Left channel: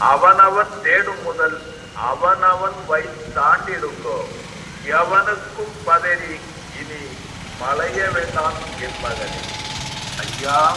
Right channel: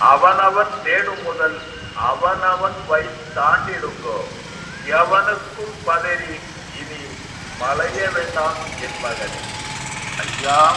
அவனவன் தேடும் முதல் அவனவன் வை தாண்டிடுங்கோ. எவனுக்கும் பதறி இனி மலைய வேண்டாம் என்பதன். ஐயா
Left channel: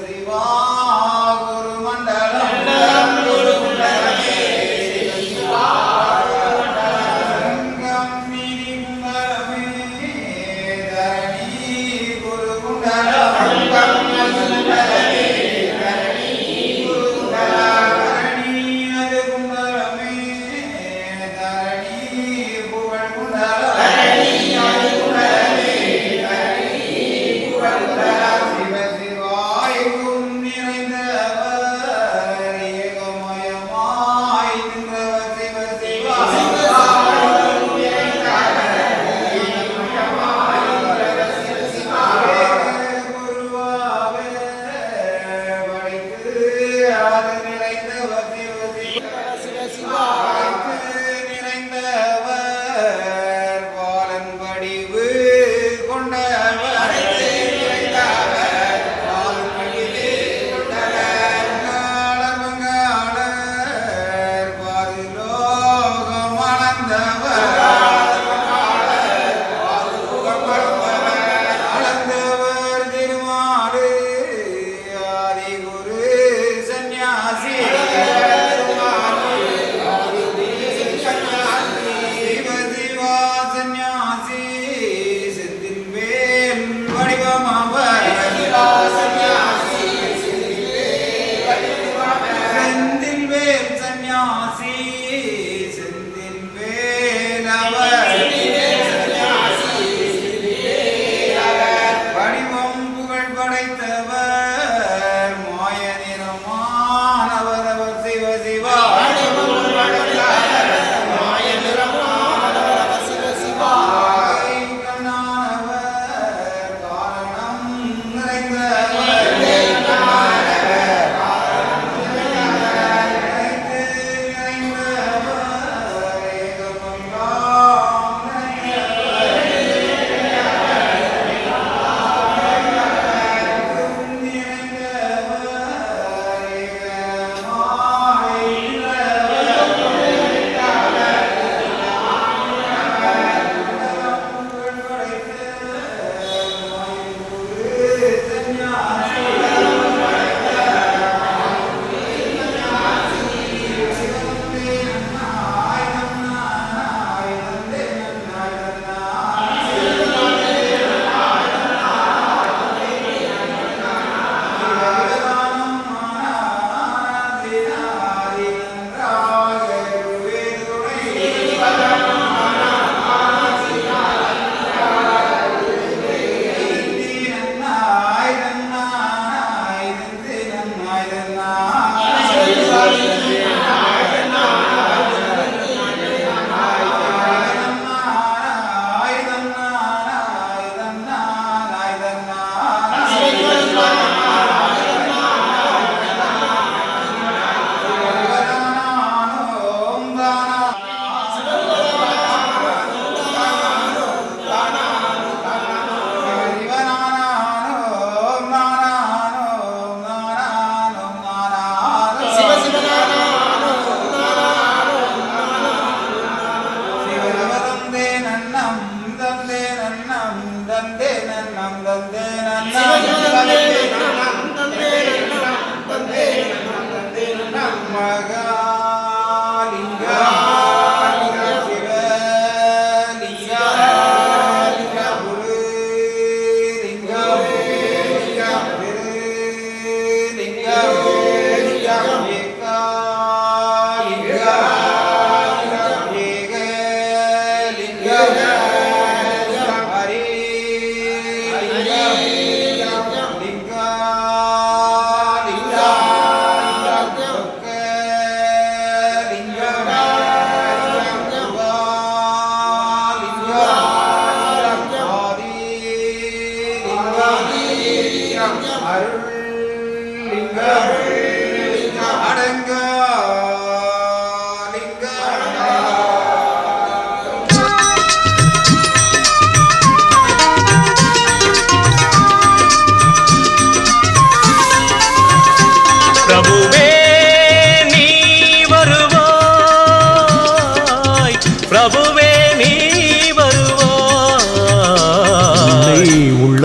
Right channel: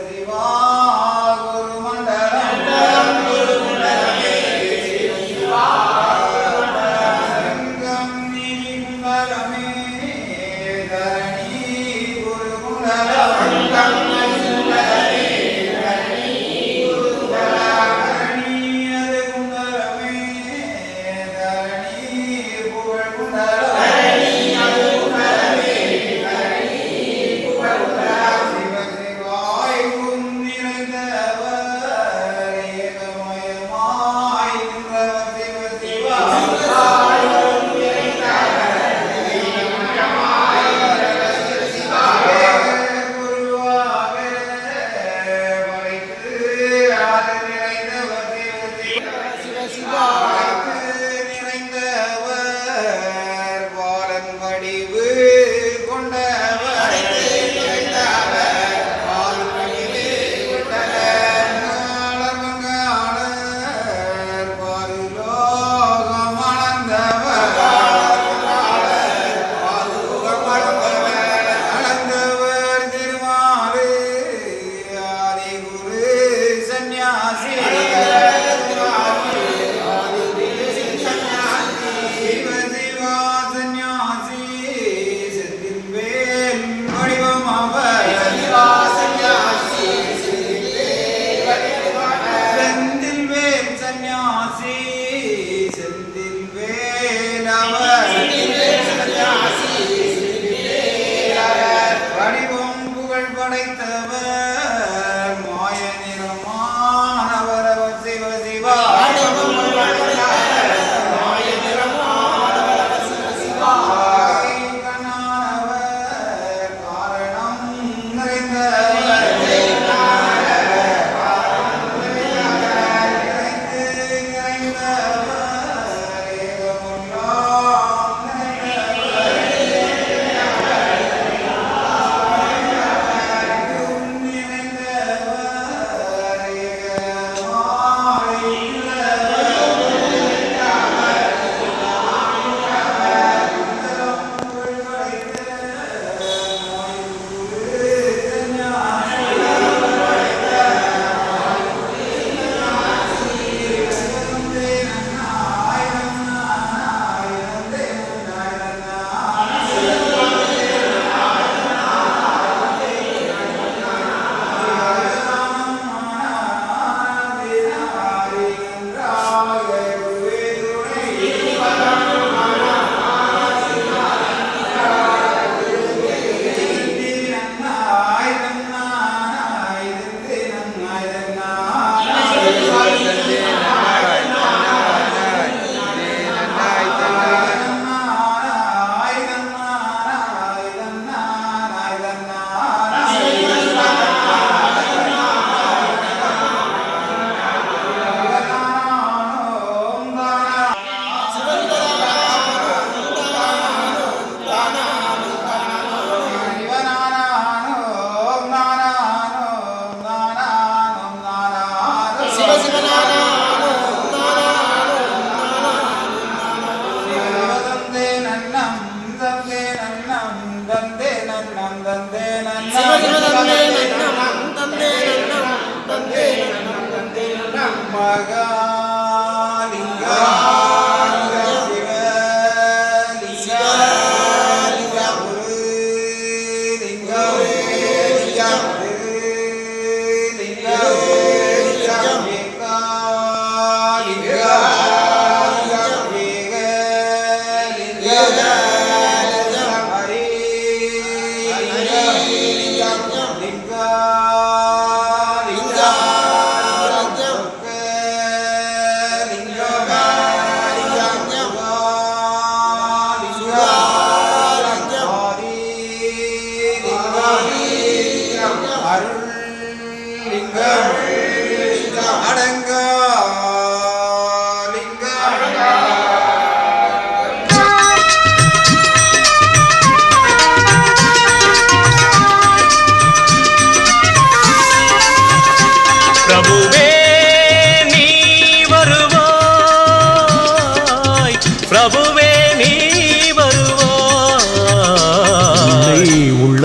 அறிவார் Hallelujah.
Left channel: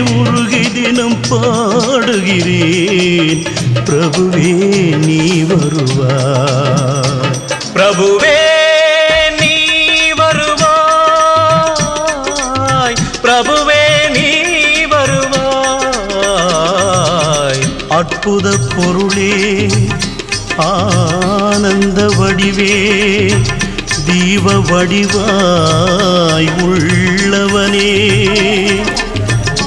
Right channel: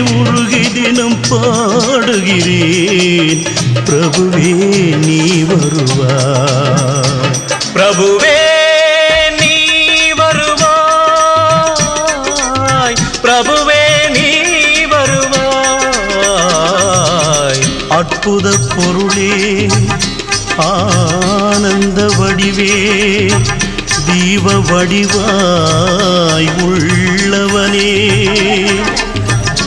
உருகி தினம் பாடுகிறேன். பிரபுவே நீ வருவாய். பிரபுவே நீ வருவாய். பிரபுவே நீ வருவாய். அற்புத பொருளே ஆனந்த வடிவே தீப வடிவாய் உள்ளவனே.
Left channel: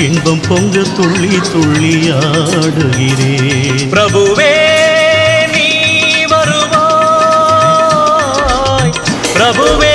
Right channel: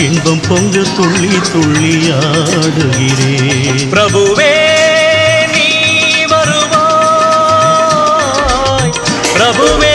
இன்பம் பொங்க துள்ளி துள்ளி ஆடுகிறேன் பிரபுவே நீ வருவாய். பிரபுவே